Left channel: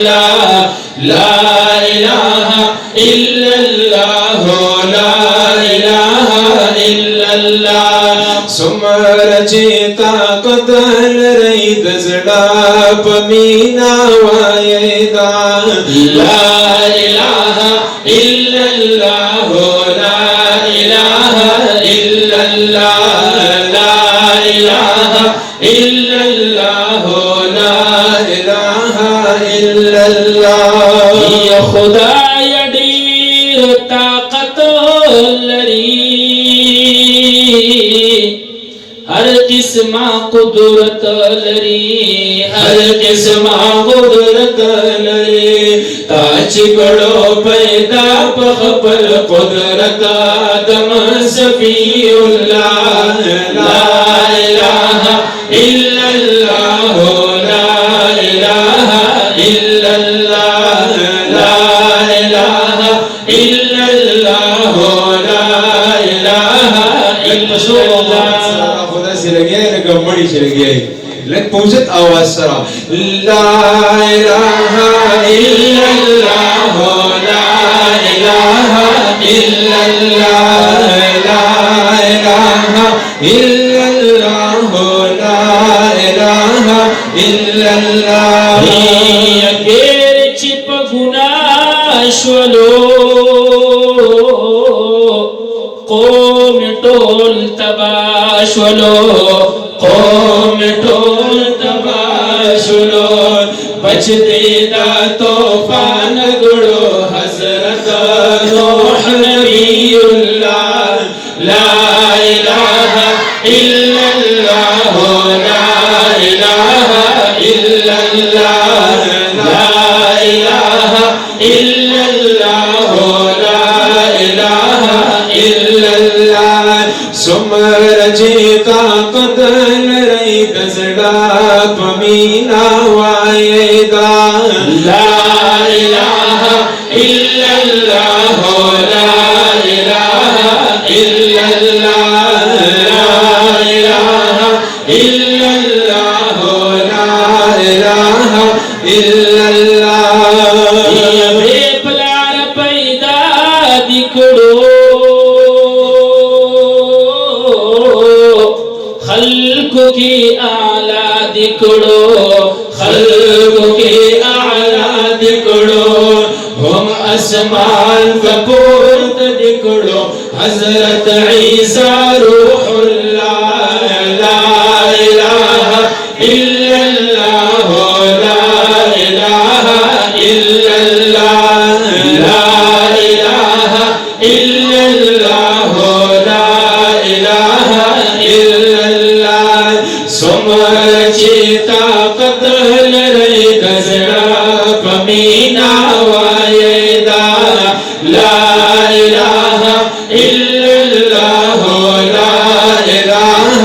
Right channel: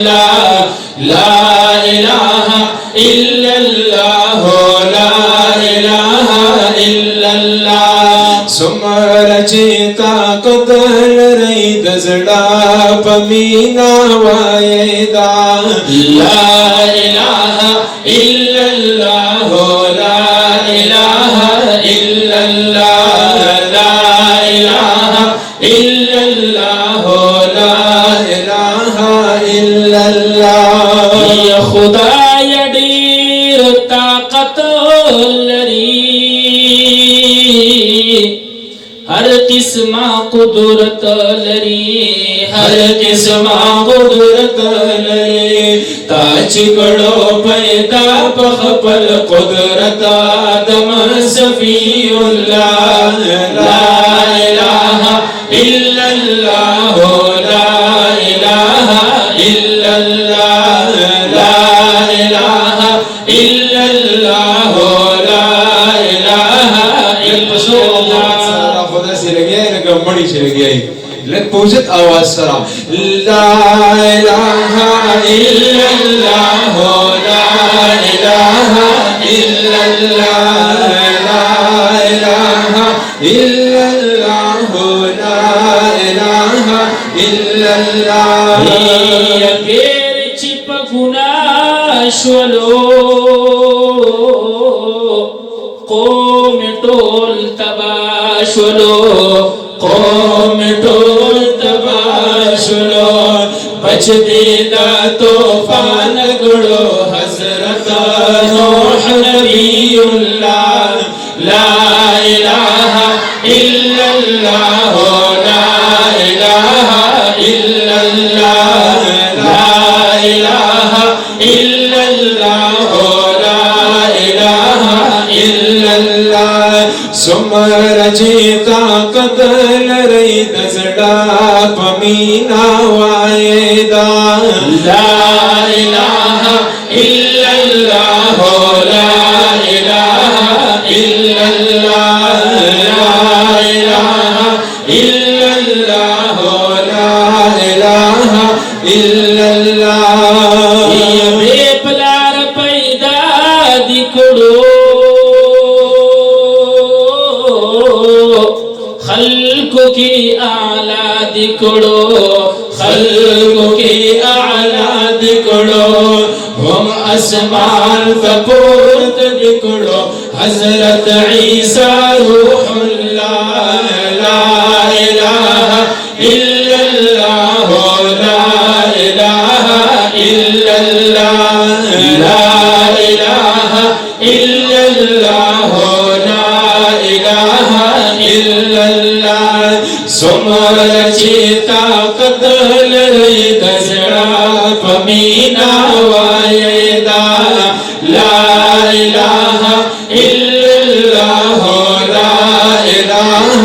لا إله إلا الله لا إله إلا الله سمر چیتا قدر رئی دزڑا پمینا وائدہ لا إله إلا الله لا إله إلا الله لا إله إلا الله لا إله إلا الله يا خدای ډیر طاقت لري هر قسمه قدرت لري هر قسمه قدرت لري تا چې کړو پیدا په خپل قدرت آدم صفی الله لا اله الا الله لا اله الا الله لا اله الا الله لا اله الا الله خدا سے لگیا ہے لگا مڑی سے لگیا ہے لگ پوچھت آواز سرا لا الہ الا اللہ لا الہ الا اللہ لا الہ الا اللہ لا الہ الا اللہ اگر چپ گناہ شولو قوم ټول تباشلو قوم ټول تباشلو بچ دیدا طوفان گڑو حضرت روح نبی اللہ لا الہ الا اللہ لا الہ الا اللہ لا الہ الا اللہ لا الہ الا اللہ سمر جیتا قدر رئی دزڑا پمینا وائدہ لا الہ الا اللہ لا الہ الا اللہ لا الہ الا اللہ لا الہ الا اللہ یہ بے پلار پیدا دکڑو خلق کی اعلیٰ دکڑو خلق کی اعلیٰ دکڑو ہم اسمان کا پورت دکڑو حضرت عیسیٰ روح اللہ لا الہ الا اللہ لا الہ الا اللہ لا الہ الا اللہ لا الہ الا اللہ سمر چیتا قدر رئی دزڑا پمینا وائدہ لا الہ الا اللہ لا الہ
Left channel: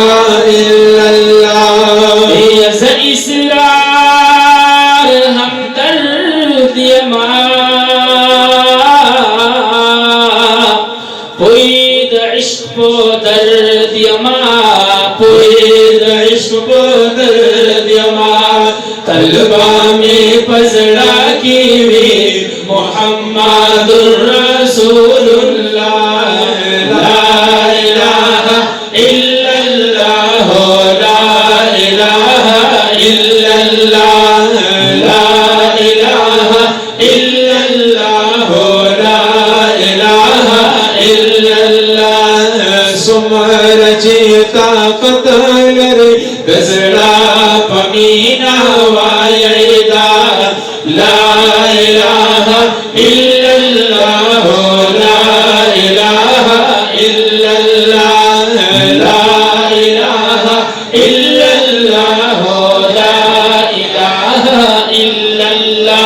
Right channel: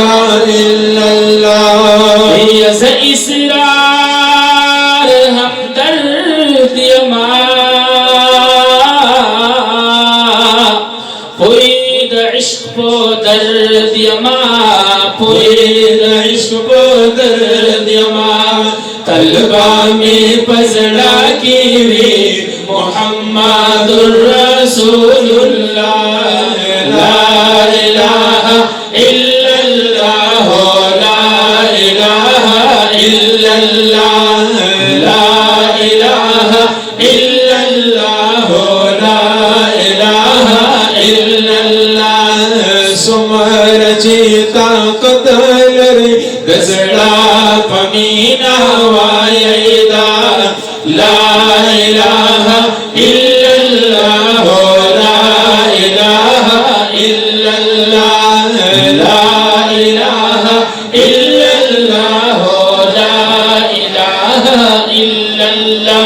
الا اللہ یز اسرار ہم درد یما پوید عشق پو درد یما پوید عشق پو درد یما طلبہ میں پزڑا کیوی محمد رسول اللہ لا الہ الا اللہ لا الہ الا اللہ لا الہ الا اللہ لا الہ الا اللہ سمر چیتا قدر دزڑا پمینا وائدہ لا الہ الا اللہ لا الہ الا اللہ لا الہ الا اللہ لا الہ الا اللہ